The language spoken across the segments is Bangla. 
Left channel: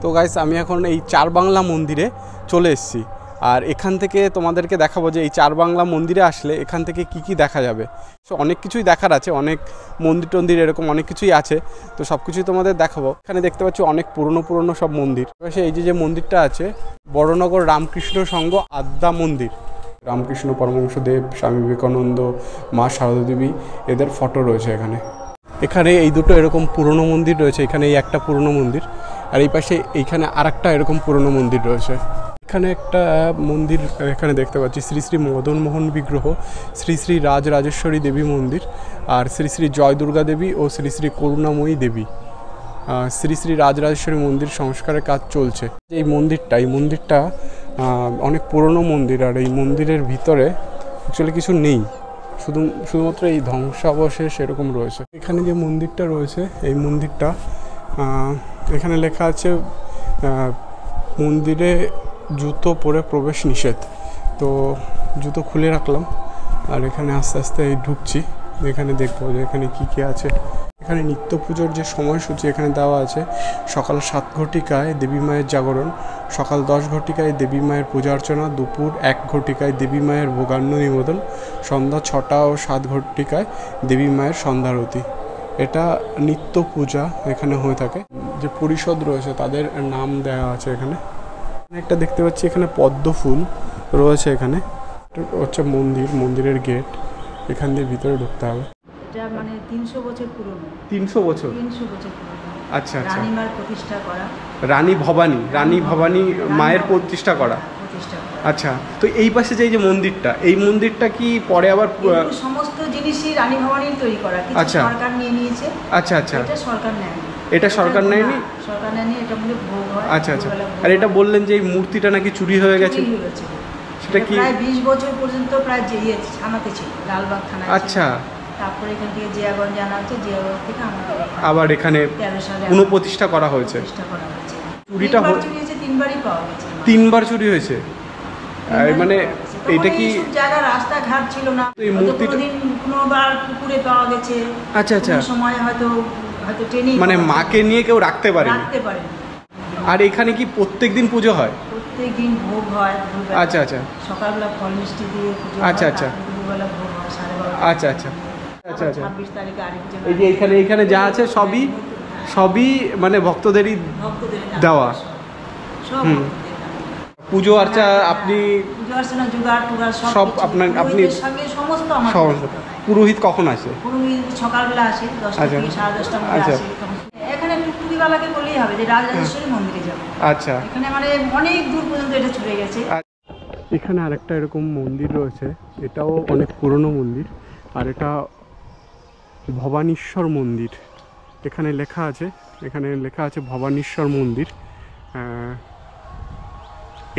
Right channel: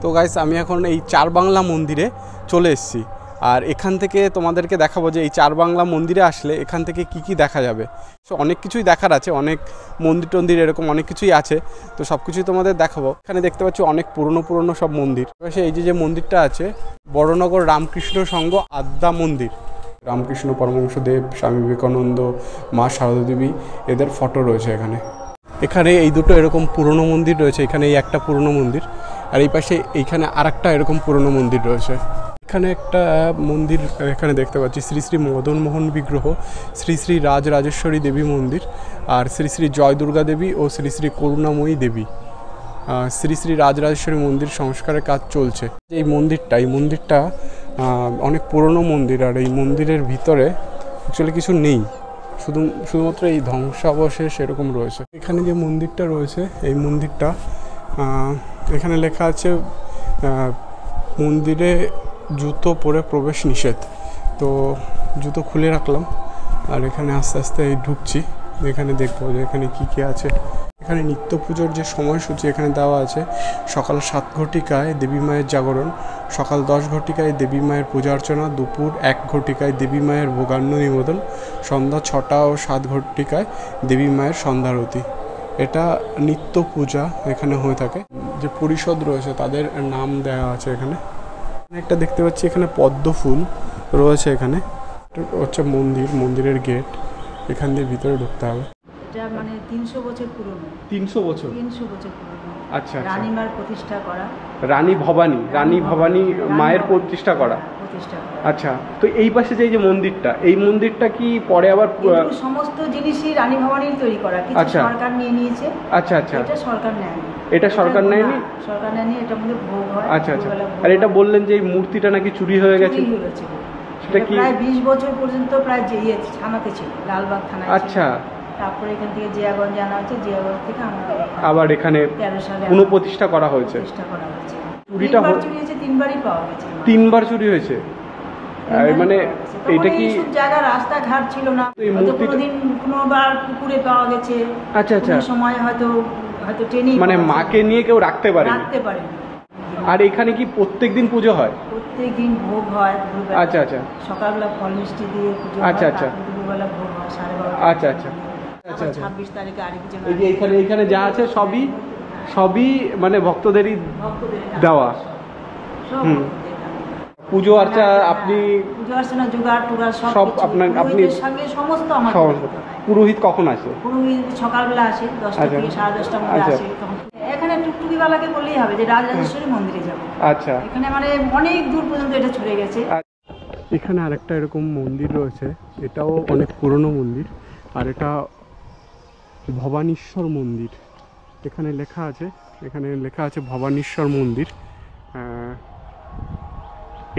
তো গাইস আমি এখন এই চার বাংলা মন্দিরে চলে এসেছি, আর এখান থেকে তোমাদেরকে দেখাবো যে এই চার বাংলা মন্দিরে আসলে এখান থেকে কি কি দেখা যাবে। সো অনেক কিছুই দেখার আছে, অনেক মন্দির টন্দির এরকম অনেক কিছুই আছে, তো সব কিছুই তোমাদের দেখাবো। এখানে দেখতে পাচ্ছি অনেক পুরনো সব মন্দির। এই যে মন্দিরটা আছে বড়নগর রামকৃষ্ণ সংঘ আদ্যা মন্দির, রামকৃষ্ণ পরমহংসদেব, স্বামী বিবেকানন্দ, মা শারদা দেবী এদের ফটো রয়েছে এখানে। এখানে এই দুটো এরকম পুরনো মন্দির রয়েছে, এখানে এই একটা পুরনো মন্দির, আর এই পাশে এইখানে আরেকটা এরকম পুরনো মন্দির রয়েছে। এখানে একটা মন্দির এখানে দেখতে পাচ্ছি, শ্রী শ্রী মদন মোহন বিগ্রহ, শ্রী শ্রী রাজরাজেশ্বরী দেবী মন্দির, আর শ্রী শ্রী জয় দুর্গা দেবী ও শ্রী শ্রী করুণাময়ী দেবী। শ্রী শ্রী রাজরাজেশ্বরী মন্দির সংস্কারের কাজ চলছে। এই মন্দিরটা অনেক পুরনো মন্দির, আর এই মন্দিরের ভিতরে অ্যাকচুয়ালি কিছু নেই, শুধুমাত্র এই ধ্বংসাবশেষ এরকম রয়েছে। এখানে যে মন্দিরটা রয়েছে এই মন্দিরটা এখানে লেখা আছে মন্দিরে জুতো পরে প্রবেশ নিষেধ। তো জুতো খুলে রাখলাম, আর এখানে আস্তে আস্তে ঢুকছি। এখানে দেখবো যে এখানে কী আছে। এখানে নিত্য পুজোর যে সময়সূচি এখানে দেওয়া আছে, সকাল 7 ঘটিকায় দেবী মায়ের জাগরণ, সকাল 10 ঘটিকায় দেবী মায়ের পূজা অর্চনা, দুপুর 1 ঘটিকায় দেবী মায়ের ভোগান্ন নিবেদন, সন্ধ্যা 6টা ও 7 ঘটিকায় দেবী মায়ের সন্ধ্যারতি। এটা নিত্য পূজা এখানে হয়ে থাকে। যে পরিষদ রয়েছে তাদের নাম দেওয়া আছে এখানে। একটা দেখতে পাচ্ছি এখানে পদ্ম ফুল রয়েছে। এখানে হচ্ছে মন্দিরের গেট, এখান দিয়ে ভিতরে ঢুকতে হবে। এটা মানে 300 বছর পুরনো। 300 বছর পুরনো। আচ্ছা, রানী মার প্রতিষ্ঠা করা, রানী ভবানী মায়ের প্রতিষ্ঠা করা। আচ্ছা, তো এই পাশে যে মন্দিরটা, এই মন্দিরটা কি পরে আবার সমস্ত জিনিসই রানী ভবানীর তৈরি করা, কিছু সরকার নিয়ে নিয়েছে। আচ্ছা, এটা সরকার নেয়নি। এটা সরকার নেয়নি, এটা মধ্যে ভোগ হয়। আচ্ছা। আর এটা বললেন যে এই মূর্তিটা নাকি চুরি হয়ে গেছে, সেটা কি প্রায় 20 বছর পর্যন্ত প্রায় থানাতে ছিল, লালবাগ থানায়। আচ্ছা, তারপরে এখান থেকে জিয়াগঞ্জ আনা হচ্ছে, জিয়াগঞ্জ থেকে আমাদের আবার এখানে 13 সালে পুনঃপ্রতিষ্ঠা করা হয়েছে। চুরিটা 3বারই পাওয়া গেছে। 3বার চুরি হয়েছে। মানে এটা কি জায়গা রাস্তাঘাট ছিল না, কোনোদিন কোনোবার পুকুরে পাওয়া গেছে। আচ্ছা, সময় হয়তো ট্রেনিং, মানে মাকে নিয়ে কেউ রাখতে পারে। আর এখানে কি প্রত্যেকদিন পুজো হয়? প্রত্যেকদিন ভোগ হয়। আচ্ছা, সকালবেলা ফল মিষ্টি দিয়ে পুজো হয়। আচ্ছা, দুপুরবেলা ভোগ হয় 12:30। আচ্ছা। 26 তারিখে আরেকজন। এই যে এখানে যা আছে সবই মানে ভক্তদেরই দেওয়া। পুজো আর্চা আপনি পুজো অর্চনা জোগাড় টোগাড় সব আপনি সঙ্গে সমস্ত আমার। পুরোহিত কখন আসে? পুরোহিত সকালবেলা আসে, 10টা থেকে 10:30টার মধ্যে আসে। এখানে টুকটুকিওয়ালাকে বললেই হবে যে রাজরাজেশ্বরী মন্দিরে যাবো। আচ্ছা, এখানে মানে অনেক দূর পর্যন্ত এটা ছড়ে গেছে। এখানে আরেকটা এরকম মন্দির রয়েছে, এটাও অনেক পুরনো মন্দির, আর এটা ভবানীশ্বর মন্দির। এখানে লেখা আছে ভবানীশ্বর মন্দির।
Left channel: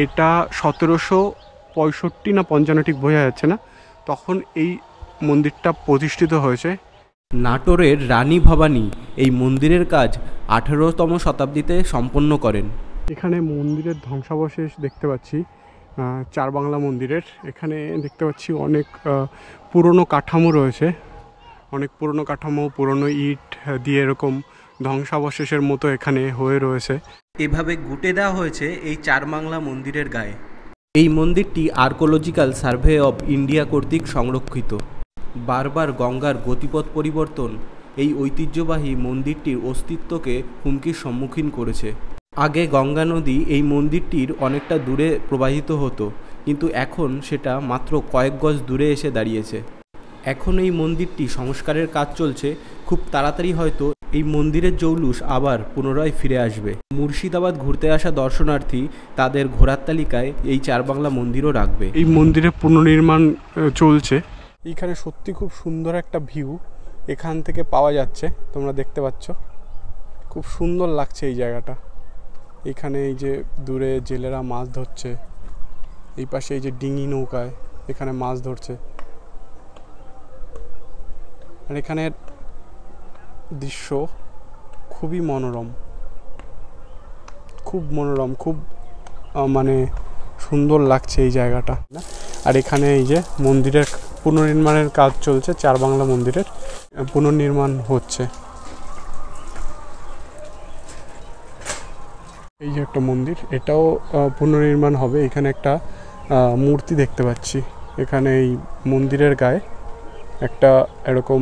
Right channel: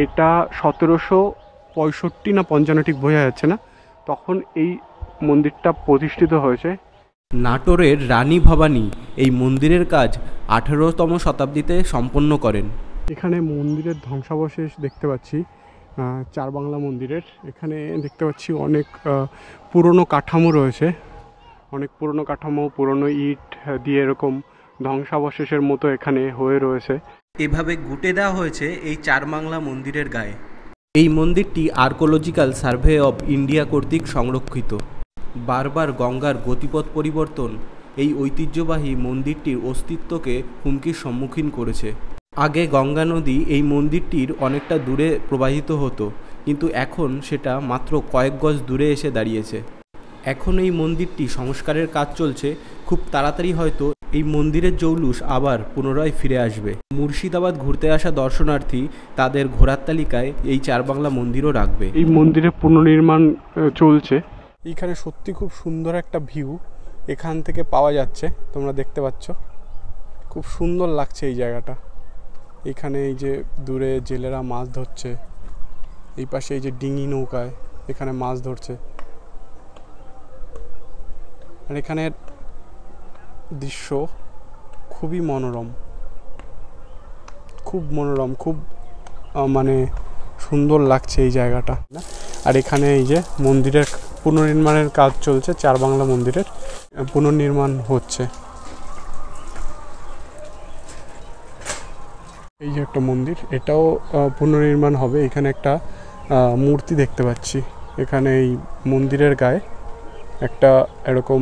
এটা 1765 না 55 ঠিক বোঝা যাচ্ছে না, তখন এই মন্দিরটা প্রতিষ্ঠিত হয়েছে। নাটোরের রানী ভবানী এই মন্দিরের কাজ 18তম শতাব্দীতে সম্পন্ন করেন। এখানে মন্দিরের ধ্বংসাবশেষ দেখতে পাচ্ছি, চার বাংলা মন্দিরের। এখানে দেখতে পাচ্ছি অনেক পুরনো কাঠামো রয়েছে, অনেক পুরনো কাঠামো, পুরনো ইট দিয়ে এরকম ধ্বংসাবশেষের মতো এখানে হয়ে রয়েছে। এভাবে গুটে দেওয়া হয়েছে এই চার বাংলা মন্দিরের গায়ে। এই মন্দিরটি আর্কোলজিক্যাল সার্ভে অব ইন্ডিয়া কর্তৃক সংরক্ষিত। বারবার গঙ্গার গতিপথ পরিবর্তন এই ঐতিহ্যবাহী মন্দিরটির অস্তিত্বকে হুমকির সম্মুখীন করেছে। আগে গঙ্গা নদী এই মন্দিরটির অনেকটা দূরে প্রবাহিত হতো, কিন্তু এখন সেটা মাত্র কয়েক গজ দূরে এসে দাঁড়িয়েছে। এখন এই মন্দিরটি সংস্কারের কাজ চলছে, খুব তাড়াতাড়ি হয়তো এই মন্দিরের জৌলুস আবার পুনরায় ফিরে আসবে। মুর্শিদাবাদ ঘুরতে আসা দর্শনার্থী তাদের ঘোরার তালিকায় এই চার বাংলা মন্দিরও রাখবে। এই মন্দিরের পুনর্নির্মাণ চলছে। এইখানে সত্যি খুব সুন্দর একটা ভিউ এখান থেকে পাওয়া যাচ্ছে, তোমরা দেখতে পাচ্ছ, খুব সুন্দর লাগছে এই জায়গাটা। এখানে এই যে দূরে জেলেরা মাছ ধরছে, এই পাশে এই যে ডিঙি নৌকায় এখানে মাছ ধরছে, আর এখানের দৃশ্য খুবই মনোরম, খুব মানে সুন্দর লাগছে এই জায়গাটা। আর এখানে এই যে মন্দিরের পুনর্নির্মাণের কাজ চলছে, চার বাংলা মন্দিরের পুনর্নির্মাণ হচ্ছে। এই যে একটা মন্দির, এটাও পুনর্নির্মাণ হবে। এখানে একটা মূর্তি দেখতে পাচ্ছি। এখানে এই মন্দিরের গায়ে একটা এরকম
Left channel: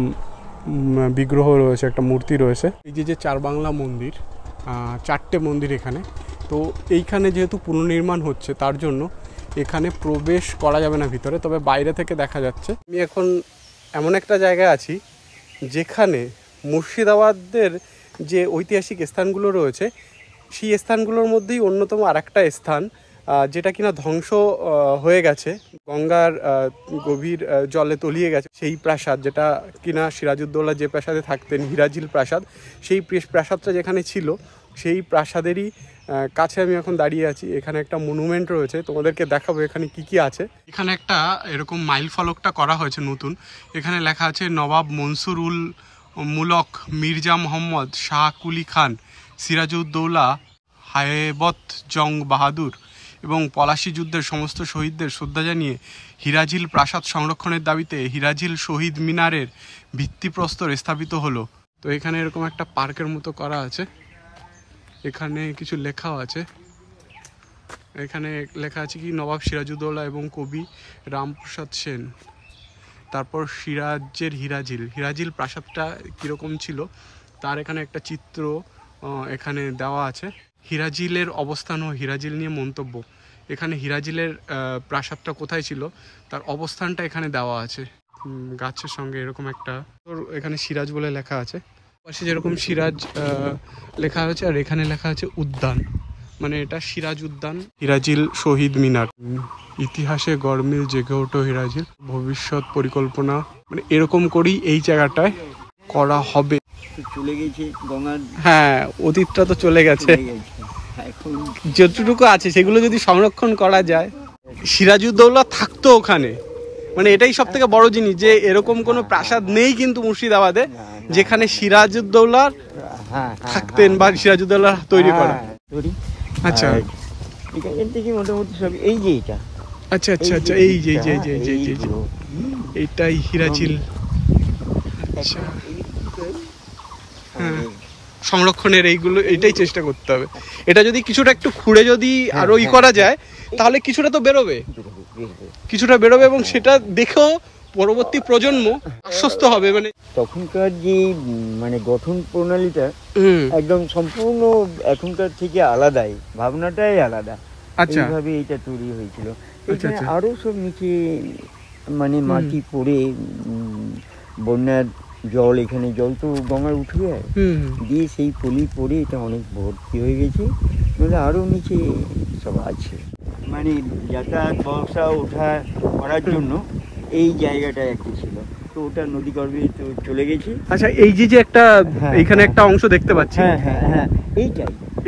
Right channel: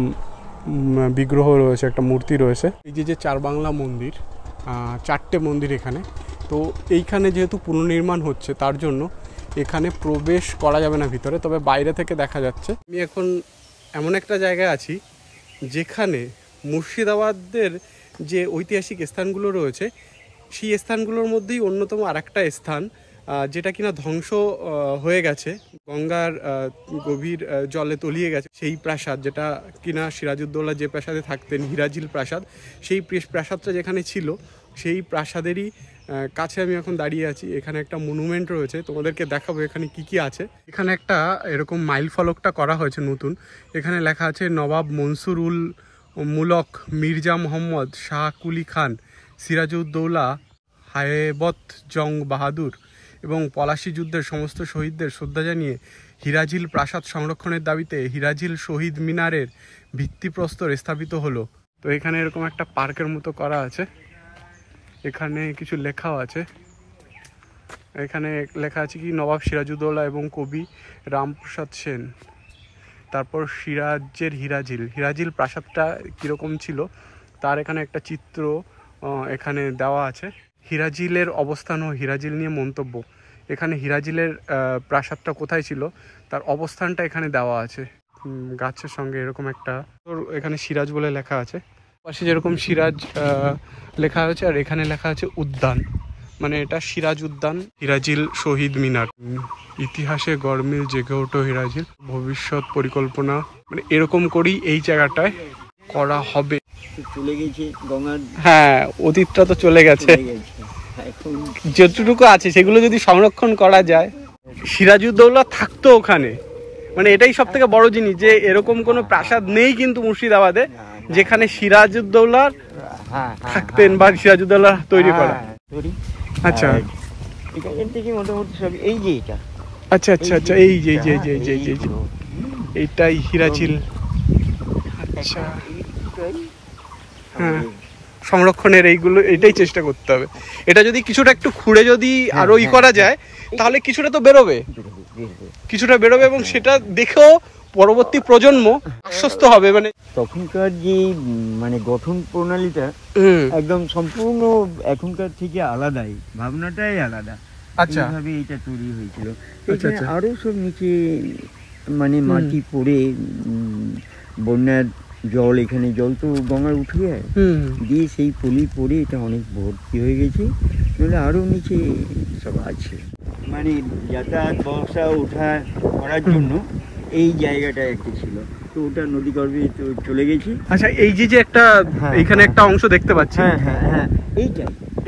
বিগ্রহ রয়েছে, একটা মূর্তি রয়েছে। এই যে চার বাংলা মন্দির, 4টে মন্দির এখানে। তো এইখানে যেহেতু পুনর্নির্মাণ হচ্ছে তার জন্য এখানে প্রবেশ করা যাবে না ভিতরে, তবে বাইরে থেকে দেখা যাচ্ছে। আমি এখন এমন একটা জায়গায় আছি যেখানে মুর্শিদাবাদের যে ঐতিহাসিক স্থানগুলো রয়েছে সেই স্থানগুলোর মধ্যেই অন্যতম আরেকটা স্থান, যেটা কিনা ধ্বংস হয়ে গেছে, গঙ্গার গভীর জলে তলিয়ে গেছে। সেই প্রাসাদ যেটা কিনা সিরাজউদ্দৌলা যে প্রাসাদে থাকতেন, হিরাজিল প্রাসাদ, সেই প্রাসাদটা যেখানে ছিল সেই প্রাসাদেরই কাছে আমি এখন দাঁড়িয়ে আছি। এখানে একটা মনুমেন্ট রয়েছে, তোমাদেরকে দেখাবো এখানে কি কি আছে। এখানে একটা এরকম মাইল ফলকটা করা হয়েছে নতুন। এখানে লেখা আছে নবাব মনসুর উল মুলক মির্জা মোহাম্মদ শাহ কুলি খান সিরাজউদ্দৌলা হায়বত জং বাহাদুর এবং পলাশী যুদ্ধের সমস্ত শহীদদের শ্রদ্ধা জানিয়ে হিরাজিল প্রাসাদ সংরক্ষণের দাবিতে হিরাজিল শহীদ মিনারের ভিত্তিপ্রস্তর স্থাপিত হলো। তো এখানে এরকম একটা পার্কের মতো করা আছে। এখানে কিছু লেখাও আছে। এখানে লেখা আছে কি নবাব সিরাজউদ্দৌলা এবং কবি রামপ্রসাদ সেন। তারপর সিরাজের হিরাজিল প্রাসাদটা কীরকম ছিল তার এখানে একটা চিত্র এখানে দেওয়া আছে। হিরাজিলের অবস্থান ও হিরাজিল নিয়ে মন্তব্য। এখানে হিরাজিলের প্রাসাদটা কোথায় ছিল তার অবস্থানটা এখানে দেওয়া আছে গাছের সঙ্গে। এরকম একটা এখানে সিরাজ বলে লেখা আছে, পাশে যেরকম সিরাজ লেখা আছে, আর এখানে লেখা আছে উদ্যান, মানে এটা সিরাজ উদ্যান। হিরাজিল শহীদ মিনার, ইতিহাসে গরমিল জেগে ওঠো হিরাজিল, ভবিষ্যৎ পরিকল্পনা, মানে এরকম করেই এই জায়গাটায় করা হবে। চলে গেছে গঙ্গার, হ্যাঁ অতীতটা তো চলে গেছে, এখন যতটুকু আছে সেগুলো যদি সংরক্ষণ করা যায়। সিরাজউদ্দৌলা থাকতো ওখানে, মানে এটাই সব থেকে বড় জিনিস যে এরকম কোনো প্রাসাদ নেই কিন্তু মুর্শিদাবাদে যেখানে সিরাজউদ্দৌলার থাকতেন বা সিরাজউদ্দৌলা তৈরি করা। আচ্ছা এখান থেকে মোটামুটি সব এই যে এটা, আচ্ছা আচ্ছা আচ্ছা, এই যে এইটাই হিরাজিল। আচ্ছা হ্যাঁ, সংরক্ষণের এইগুলো এটাই চেষ্টা করতে হবে। এটা যদি কিছুটা একটু খুঁড়ে যদি আরো করা যায় তাহলে কিছুটা তো বেরোবে, কিছুটা বেরোবে এবং সেটা দেখেও পরবর্তী প্রজন্ম আশ্বস্ত হবে। মানে তখনকার যে মানে গঠন প্রণালীটা একদম সম্পূর্ণ এখনকার থেকে আলাদাই, ভাবনাটাই আলাদা। আচ্ছা এইভাবে এটা তৈরি হয়েছিল। আচ্ছা আচ্ছা, আরো সব নিচে মানে মাটি পড়ে বন্যার জল, এখানে জল তো গঙ্গার উঠে যায়, দিয়ে সেই পলি পড়ে এটা অনেক ভর্তি হয়ে গেছে। নাহলে আরো নিচে সব আছে, মানে যাতায়াত ব্যবসা ওঠা করার জন্য এই জায়গাটা একটা ছিল, তো ওটা নদী গর্ভে তো চলে গেছে। আচ্ছা এই যে একটা এইখানে একটা অংশ দেখতে পাচ্ছি, হ্যাঁ হ্যাঁ হ্যাঁ,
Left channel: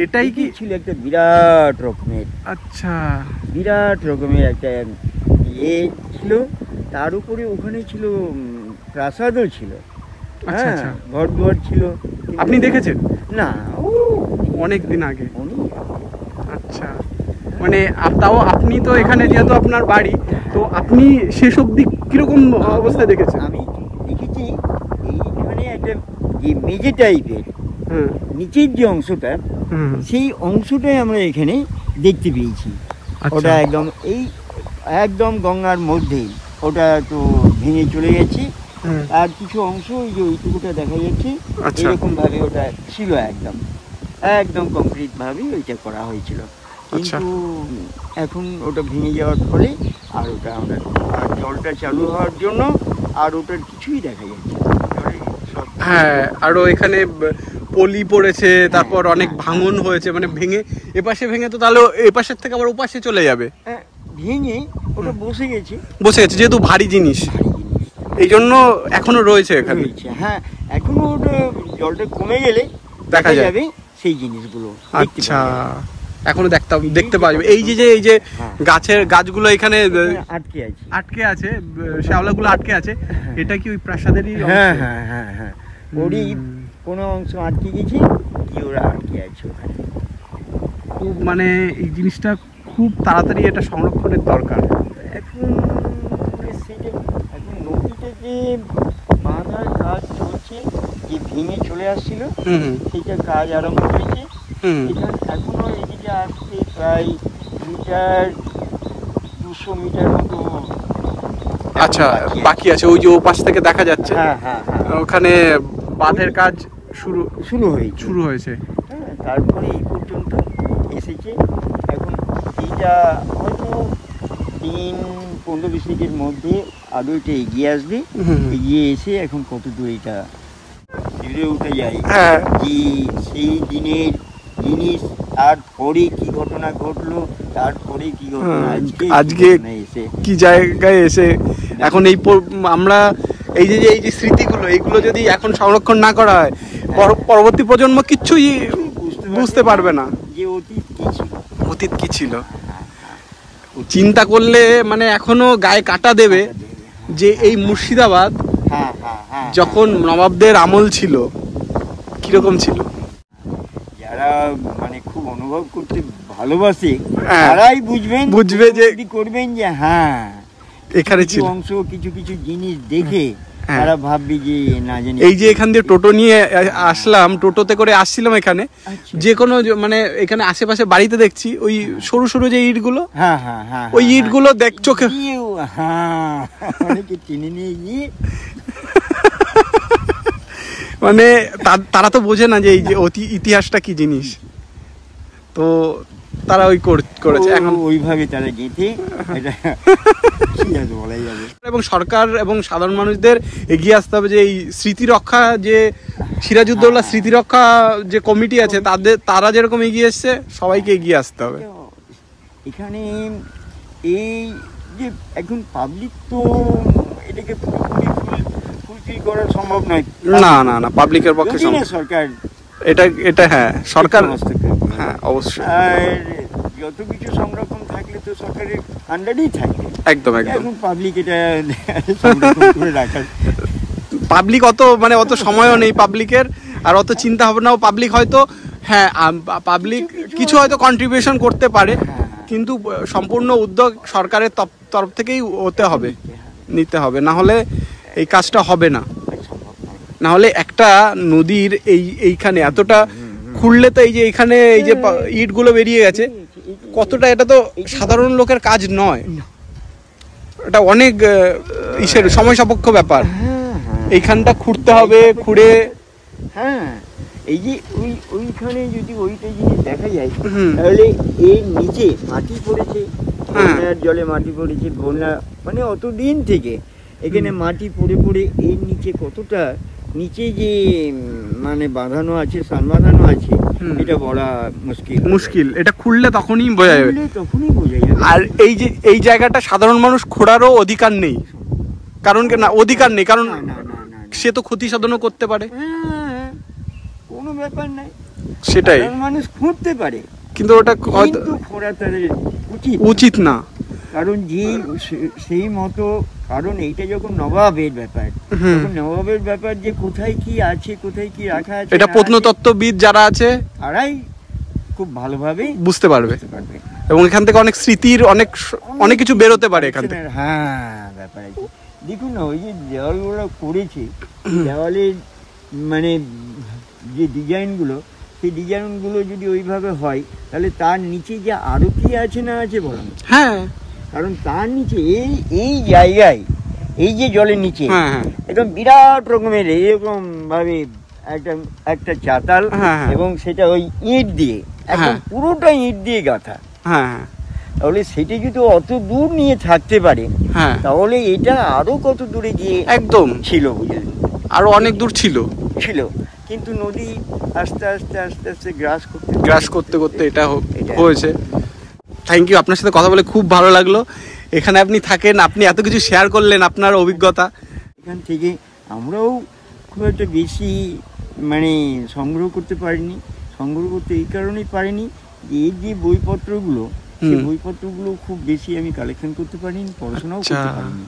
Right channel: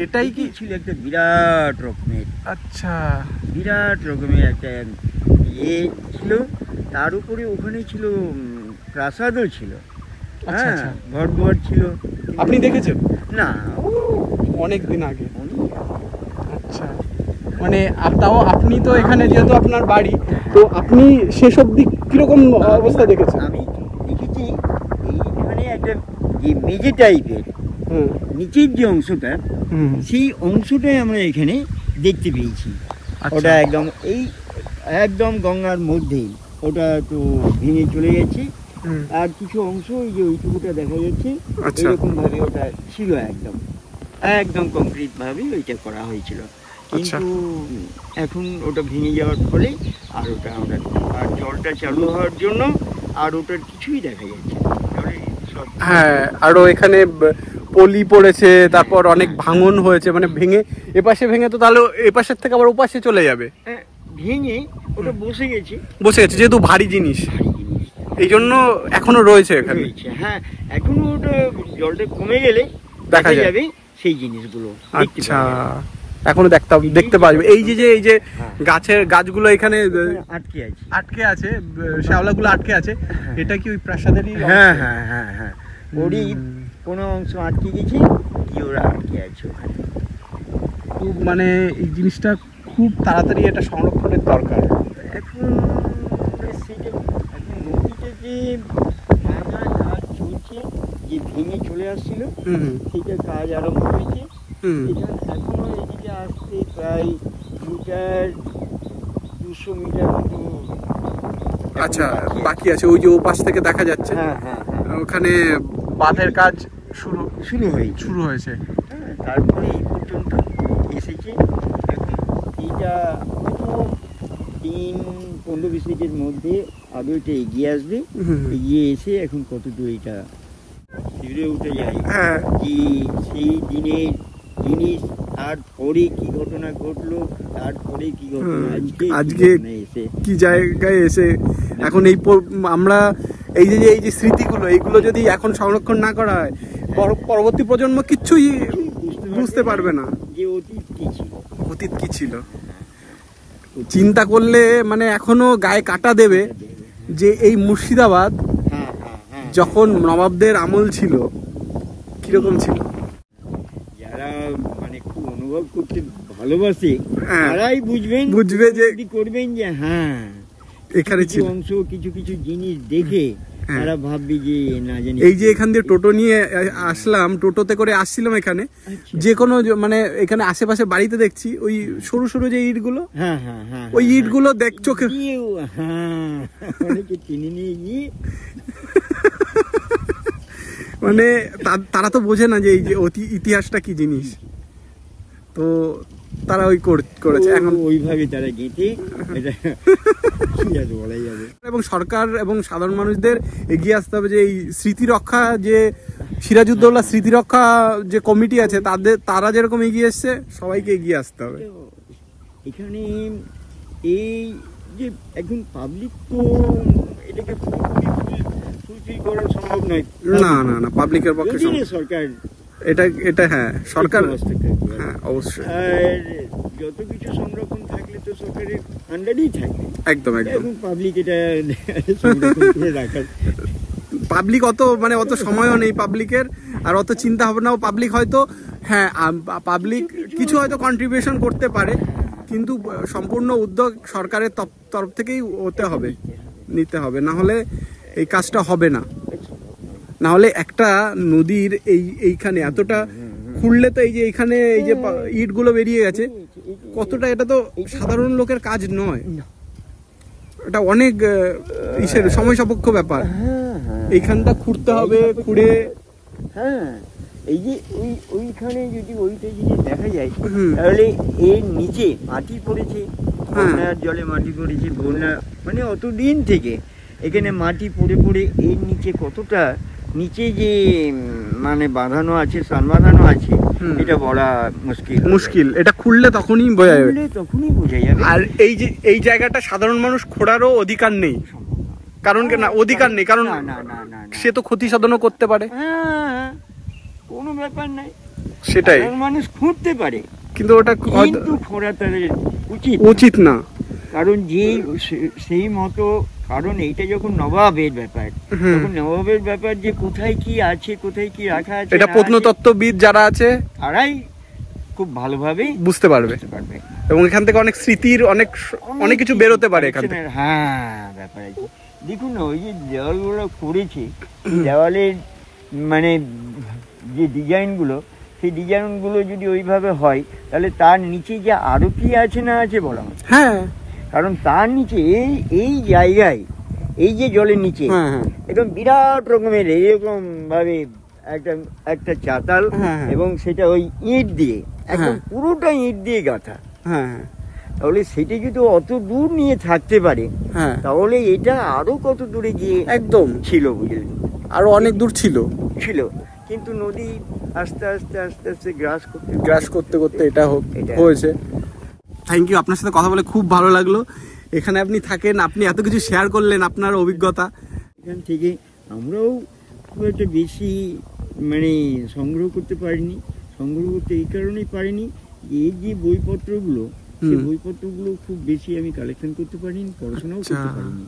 এটাই কি ছিল একটা বিরাট রকমের, আচ্ছা বিরাট রকমের একটা ইয়ে ছিল। তার উপরে ওখানে ছিল প্রাসাদও ছিল, আচ্ছা আচ্ছা, ঘর ছিল। আপনি দেখেছেন? না, অনেক দিন আগে। আচ্ছা, মানে তাও আপনি তো এখানে যেহেতু আপনার বাড়ি, তো আপনি সেসব দিক কিরকম অবস্থায় দেখেছেন? আমি দেখেছি এইখানে একটা যে মেঝে টাইপের নিচের যে অংশটা, সেই অংশটাই আমরা এখানে দেখতে পেয়েছি। ওটা একদম গঙ্গার মধ্যেই, ওটা তো ভেঙে চলে গেছে। আর কিছু অংশ ওই যে ওইটুকুটা দেখা যাচ্ছে, এরকম ভাবে ওটা ছিল, একদম কংক্রিট ভাবে ওইটা করা হয়েছিল। কিন্তু এখন ওটা ভেঙে যাওয়ার ফলে আর ওটা আমরা, আর জলটা চালু হওয়ার জন্য আর ওটার কিছুই দেখা যাচ্ছে। হ্যাঁ, আরো এখানে পলি পড়েছে, তারপর অনেক ভাঙন হয়েছে, মানে ভেঙে এপাশে ভেঙে তো তাহলে এপাশের থেকে আবার ওপাশে চলে যাবে। ভেঙে ওটা বসে গেছে যেহেতু ভারী জিনিস, এই জন্য এখনো রয়েছে এখানে। হ্যাঁ, এখনো ওটা জলটা কমে গেলে দেখা যাবে সেই জিনিসগুলো। আচ্ছা, এখনো দেখতে পাওয়া যাবে। এই যে গাছগুলো এখানে আটকে আছে, শ্যাওলাগুলো আটকে আছে, এটা কি ওই প্রাসাদেরই? হ্যাঁ হ্যাঁ হ্যাঁ হ্যাঁ, ওরই কোনো অংশ আটকে গেছে, কি ওরা আটকে আছে ওখানে। মানে এই জিনিসটা খুব তাড়াতাড়ি এটা সংরক্ষণের দরকার। এখন নদীতে যে বাঁধার কাজ চলছে, যে ভেঙে চলে আসছিল, সেটা কাজ আরম্ভ হয়েছে। এখনো এদিকে আসতে প্রায় মিটার 200 মিটার মতো আচ্ছা বাকি আছে, ওই যে ও পাশ থেকে দেখা যাচ্ছে। ওখানে বাঁধের কাজ শুরু হয়েছে। তারপরে এই পর্যন্ত এসেছে। এখন এইটা হয়তো দিন 15-20 মিনিটের মধ্যে আদৌ এটা এগিয়ে আসবে। এগিয়ে এসে এখন কত দূর এটা ফিরে উঠে যায় কি সেই দিনের জিনিস, তারপরে কি ঘটনা ঘটলো, তারপরে কি ঘটনা আজকে কি জায়গায় এসে এখন এই আমরা এই যে স্মৃতিগুলো, এইগুলো যদি এখন সংরক্ষণ না করা হয়, পরবর্তী প্রজন্ম কিচ্ছুই বুঝতে পারবে না যে অতীত কি ছিল। চিন্তা করলে মানে এখনো গায়ে কাটা দেবে যে এই মুর্শিদাবাদ যখন নবাবদের আমল ছিল কিরকম ছিল। যারা মানে খুব অনুভব করতে ভালোবাসে তারাই বুঝবে যে করবেন যে হ্যাঁ এখানে ছিল অংশ, কিছু কিছু জিনিস দেখে তারা ভাববে যে না জানি। এই যে এখান দিয়ে টোটো নিয়ে আসলাম, টোটোতে করে আসছিলাম এখানে, যে কোনো মানে এখানে আশেপাশে বাড়িতে দেখছি ওই সরু সরু যে ইটগুলো, ওই ইটগুলো দেখ চোখে চিনি নিয়ে গিয়ে মানে তারা তো বোঝে না যে এই যে ইতিহাসটা কি জিনিস, তো তারা ওই করেছে এখন ওইভাবে তারা গেঁথে বলাই যাবে। এবং সরকার এবং সাধারণ মানুষদের এগিয়ে আসতে হবে যে এই স্মৃতি রক্ষা, যে সিরাজউদ্দৌলা স্মৃতি রক্ষা যে কমিটি আছে তারা যেরকম এগিয়ে এসছে সবাইকে এগিয়ে আসতে হবে। এখানে এই যে এখন পাবলিক তো এটাকে ফুলফিল করা সম্ভব নয়। না পাবলিকের পক্ষে সরকার এটা হ্যাঁ সরকার হ্যাঁ অবশ্যই। আর যত কিছু সংরক্ষণ থাকলে তো সরকারের আন্ডারেই থাকে। একদম পাবলিক এটা সংরক্ষণ করে রাখা, পাবলিক অত সময়ও নেই পাবলিকের, আর অত চিন্তা ভাবনাও পাবলিক হয়তো হ্যাঁ পাবলিক কিছু হয়তো কন্ট্রিবিউশন করতে পারে, কিন্তু সম্পূর্ণ উদ্যোগ সরকারের তরফ থেকেই নিতে হবে, না হলে এই কাজটা হবে না। না হলে একটা নদীর এইখানে এতটা খুললে তো এই যে এখানে এই যে ইটগুলো বেরিয়ে গেছে কতটা, এটা তো সাধারণ লোকের কাজ নয়, এটা অনেক সময় সাপেক্ষ ব্যাপার। এইখানটা খুঁড়তে হবে, খুঁড়ে এই যে ওইখানে যদি ওইটা জিনিস দেখা যায় তাহলে এর নিচে মাটি পড়েছে, বন্যার জলে মাটি পড়েছে, বন্যা মানে অতদিন থেকে এখানে মাটি পড়ে পড়ে এর নিচে কতটা নিচে যে মানে বাঁধানো আছে, সান বাঁধানো আছে, এটা বলা মুশকিল। এটা খুললে তখনই বোঝা যাবে। আর এই জায়গাটা সাধারণ মানুষ খোঁড়ারও অধিকার নেই, কারণ সে তো ক্ষতি সাধনও করতে পারে। কোনো ব্যাপার নাই, সেটাই মানুষ খুঁড়তে পারে, কিন্তু ওটা খোঁড়া তাদের উচিত না, কারণ যে সেই মতো, কারণ এইটা যখন নবাবের ব্যাপার যে কোথায় কি আছে, কোথায় কি রাখা আছে, এটা প্রত্নতত্ত্ববিদ যারা আছে তারাই খুব ভালোভাবে বুঝতে পারবে, এবং এখান থেকে অনেক স্মৃতির অনেক কিছু বেরোতে পারে এখান থেকে। ব্যাপার আছে। দেখুন না, ওই যে দেওয়ালগুলো করেছে, দেওয়ালের মানে যে ডিজাইনগুলো, সেই ডিজাইনগুলো যদি ওইভাবে হয় তাহলে তার নিচে যে আরো কি আছে না আছে বলা হয়। কারণ তার নিচে এই জায়গায় এই যে জলের নিচে একদম বিরাট রকমের এরকম ভাবে একটা চাতাল, এবং সেটা ওই ইট দিয়ে পুরোটা ইট দিয়ে গাঁথা। তাহলে সেটা যদি অত দূর নিয়ে থাকতে পারে তাহলে এটা আরো কত দূরে গিয়ে একদম ছিল, বুঝলেন, আরো অনেক দূর ছিল, কিন্তু নদী আস্তে আস্তে গ্রাস করতে এটা হয়েছে। থ্যাংক ইউ, আপনার সাথে কথা বলে খুব ভালো লাগলো। এখানে আপনি থাকেন, আপনি এত কিছু শেয়ার করলেন আপনার অভিজ্ঞতা। এখান থেকে আমরাও খুব একটা বেশি মানে সংগ্রহ করতে এই কারণেই পারিনি যে এই যে বইপত্রগুলো, সেই বইপত্রগুলো খুব বেশি আমি কালেকশন করতে পারিনি, পড়াশোনাও করতে পারিনি,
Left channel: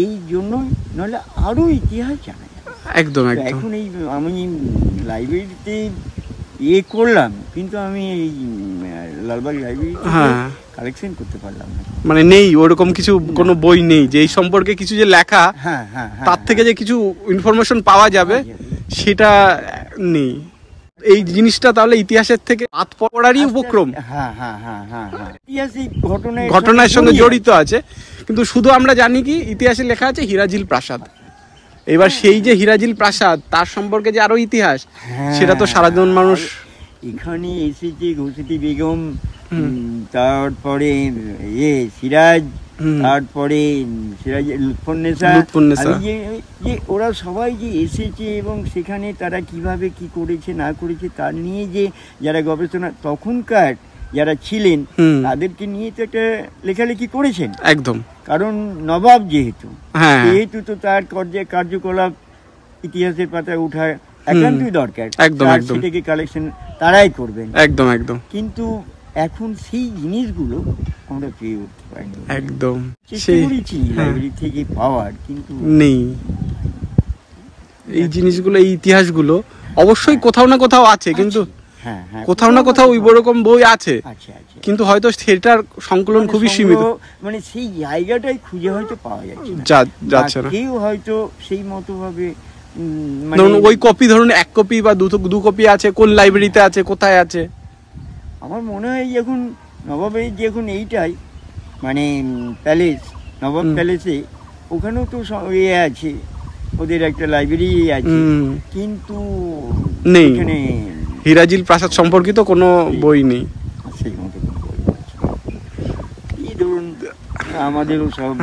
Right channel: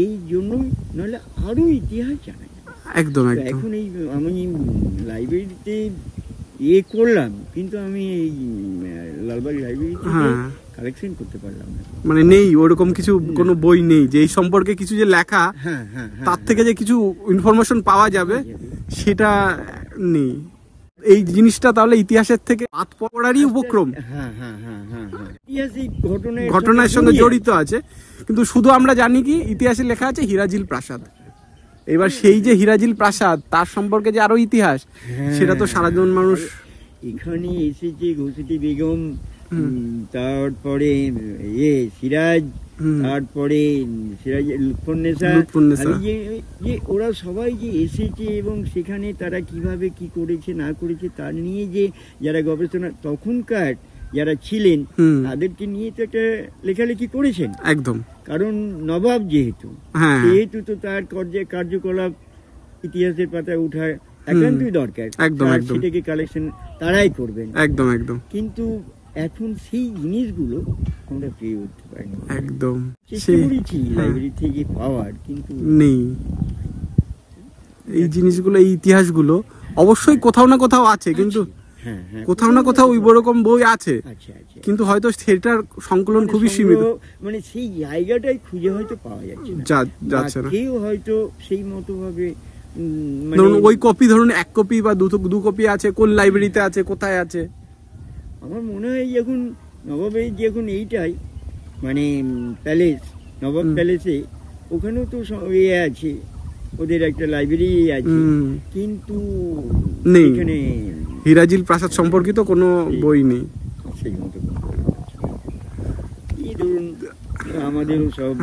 এই জন্যই, নাহলে আরো ইতিহাস জানা যায়। একদম এখন আমি লাইব্রেরিতে করলাম, কিন্তু আমি এই লালবাগ লাইব্রেরিতে কালেকশন করতে পারলাম না, মানে নেই ওরকম কিছু, কোনো বই নেই যে এই সম্পর্কে কিছু যে লেখা, তার থেকে যে কিছু ইনফরমেশন পাওয়া যাবে সেটা নেই। এই জিনিসটা তাহলে ইতিহাসের থেকে হাত পড়ারই উপক্রম, হ্যাঁ হ্যাঁ হ্যাঁ হ্যাঁ হ্যাঁ, ইতিহাসিক ঘটনার সঙ্গে জড়িত আছে। কিন্তু শুধু আমরা জানি কি ইতিহাসে লেখা আছে হিরাজিল প্রাসাদ। এবার সেই যে হিরাজিল প্রাসাদ তার সম্পর্কে যে আরো ইতিহাস, সেটা তো সারাজন মানুষ এখানে এসেছে ঘসেটি বেগম, তারপরে সিরাজ, তারপরে সিরাজ লুৎফুন্নেসা, যে ওরা সবাই যে এসেছে এবং সেখানে তারা কিভাবে কি করেছে না করেছে তার নিয়ে যে যারা গবেষণা তখনকার যারা ছিলেন তাদেরকে নিয়ে তো একটা লেখালেখি করেছেন একদম। কারণ নবাব যেহেতু তো তার কার্যকলাপ ইতিহাসের পাতায় ওঠা একান্তই দরকার, একদম একদম, সেটাকে কালেকশন তারাই করবেন, একদম একদম। কিন্তু এখন সেই জিনিসগুলো আমরা পেয়ে উঠতে পারিনি, একদম সেই লাইব্রেরি থেকে পাওয়ার কিন্তু নেই। এই জিনিসগুলো, এই ইতিহাসগুলো অবশ্যই কোথাও না কোথাও আছে, কিন্তু কোথাও না কোথাও ওই রকম বই আছে, কিন্তু হয়তো সেটার সংকলন খুবই সীমিত, মানে সেই জায়গাটাই খুঁজে হয়তো পাওয়া যাচ্ছে না। কেউ হয়তো সেই মতো ভাবে ধরুন ওই কপি, ধরুন 1 কপি বা 2 কপি আছে, কোন লাইব্রেরিতে আছে, কোথায় আছে। আমার মনে হয় এখন নবাবের যখন এইটাই মানে প্যালেস, নবাব প্যালেসে ওখানেও তো আছে, ওদের একটা লাইব্রেরি আছে, কিন্তু নেই, হিরাজিল প্রাসাদ সম্পর্কিত কোনো বই নেই সেই মতো। এই ধরুন আমাদেরও সব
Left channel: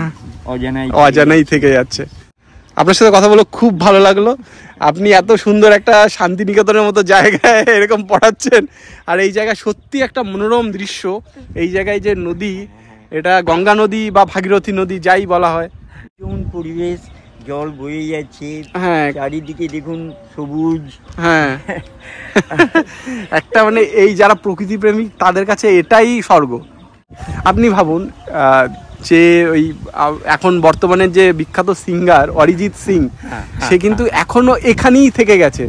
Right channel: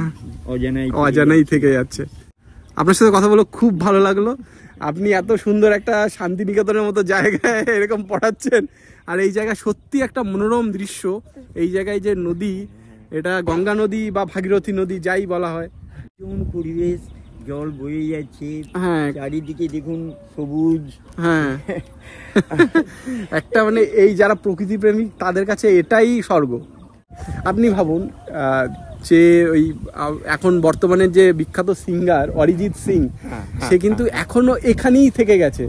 অজানাই থেকে যাচ্ছে। আপনার সাথে কথা বলে খুব ভালো লাগলো। আপনি এত সুন্দর একটা শান্তিনিকেতনের মতো জায়গায় এরকম পড়াচ্ছেন, আর এই জায়গায় সত্যি একটা মনোরম দৃশ্য। এই জায়গায় যে নদী, এটা গঙ্গা নদী বা ভাগীরথী নদী যাই বলা হয়, যেমন পরিবেশ, জল বয়ে যাচ্ছে, হ্যাঁ, চারিদিকে দেখুন সবুজ, হ্যাঁ একটা মানে এই যারা প্রকৃতি প্রেমী তাদের কাছে এটাই স্বর্গ। আপনি ভাবুন যে ওই এখন বর্তমানে যে বিখ্যাত সিঙ্গার অরিজিৎ সিং, সে কিন্তু এখনো এখানেই থেকে গেছে।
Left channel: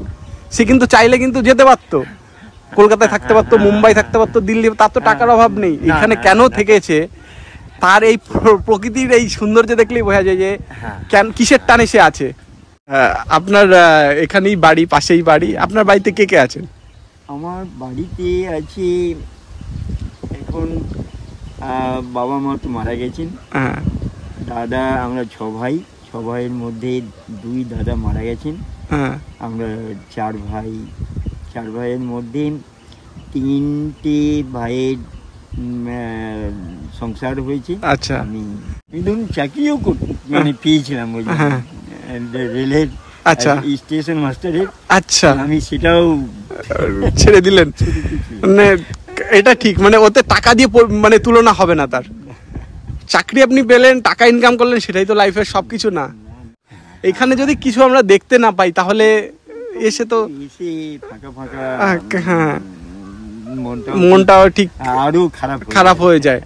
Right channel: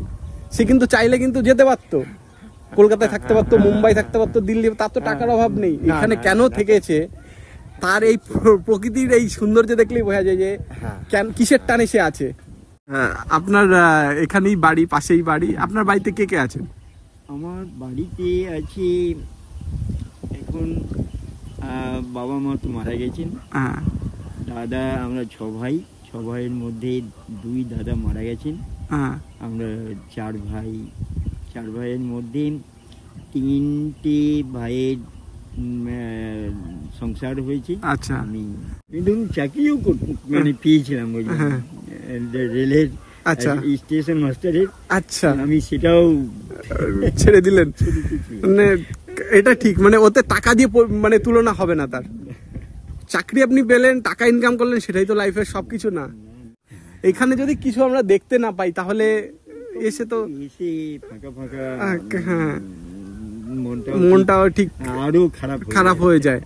সে কিন্তু চাইলে কিন্তু যেতে পারতো, কলকাতায় থাকতে পারতো, মুম্বাই থাকতে পারতো, দিল্লি, তার তো টাকার অভাব নেই। এখানে কেন থেকেছে, তার এই প্রকৃতির এই সৌন্দর্য দেখলেই বোঝা যায় যে কিসের টানে সে আছে। আপনার এখানেই বাড়ি, পাশেই বাড়ি। আপনার বাড়িতে কে কে আছেন? আমার বাড়িতে আছে এখন বাবা মা তো মারা গেছেন, দাদা, আমরা 6 ভাই, 6 ভাইয়ের মধ্যে 2 দাদা মারা গেছেন, আমরা 4 ভাই, 4 ভাইয়ের মধ্যে 3টে ভাইয়ের সংসার হয়েছে। আচ্ছা, আমি ধরুন চাকরিও মানে পেয়েছিলাম ওই রেলের, আচ্ছা, স্টেশন মাস্টারের। আচ্ছা, আমি সেটাও ছেড়ে দিলেন। মানে এটা ঠিক, মানে ওতে টাকা দিয়ে মানে তুলনা হবে না। তার চাকরি আপনি পেলেন, টাকা ইনকাম করলেন, সেটাই তো লাইফের সবকিছু না। এখানে যদি কিছু আমরা দেখতে না পাই তাহলে এসে তো ফাঁকা ফাঁকা, হ্যাঁ, মনটাও ঠিক আরো খারাপ হয়ে যায়।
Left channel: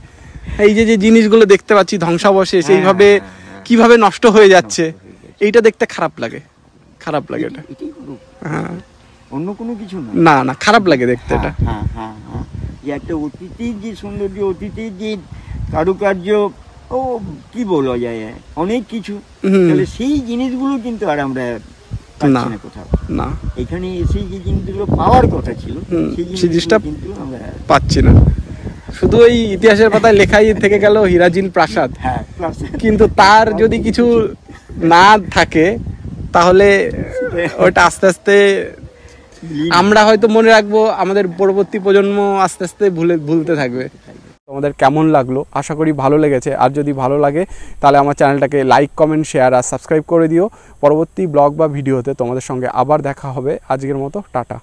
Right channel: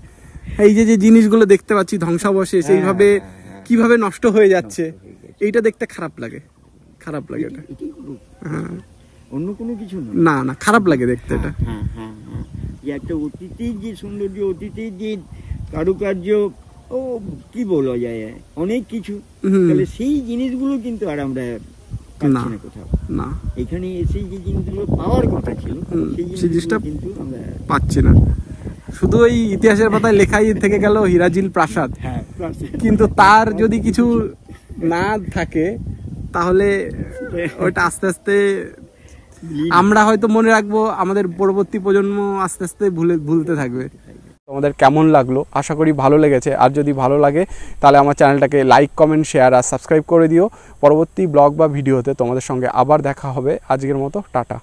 এই যে জিনিসগুলো দেখতে পাচ্ছি ধ্বংসাবশেষ এইভাবে কিভাবে নষ্ট হয়ে যাচ্ছে, এইটা দেখতে খারাপ লাগে, খারাপ লাগে এটা। হ্যাঁ, অন্য কোনো কিছু না, না, খারাপ লাগে দেখতে এটা। হ্যাঁ হ্যাঁ হ্যাঁ, যে একটা অতীতের যে সৌন্দর্য, অতীতের যে কারুকার্য, ও কি বলা যায়, অনেক কিছু, তাহলে সেই জিনিসগুলো কিন্তু আর আমরা পাচ্ছি না কোথাও। না, এখানে এসে যে জিনিসগুলো পাওয়ার কথা ছিল সেই জিনিসটা কিন্তু আমরা পাচ্ছি না। শুধু ওই ইতিহাসের পাতায় লেখাই থেকে গেল হিরাজিল প্রাসাদ, কিন্তু তার যদি কিছু না থাকে তাহলে ওটা আস্তে আস্তে আমরা হয়তো মনে রাখবো, আমাদের পরবর্তী প্রজন্ম আস্তে আস্তে ভুলতে থাকবে। তোমাদের কেমন লাগলো? আশা করি ভালো লেগেছে। আর যদি ভালো লাগে তাহলে আমার চ্যানেলটাকে লাইক, কমেন্ট, শেয়ার আর সাবস্ক্রাইব করে দিও। পরবর্তী ব্লগ বা ভিডিওতে তোমাদের সঙ্গে আবার দেখা হবে। আজকের মতো টাটা।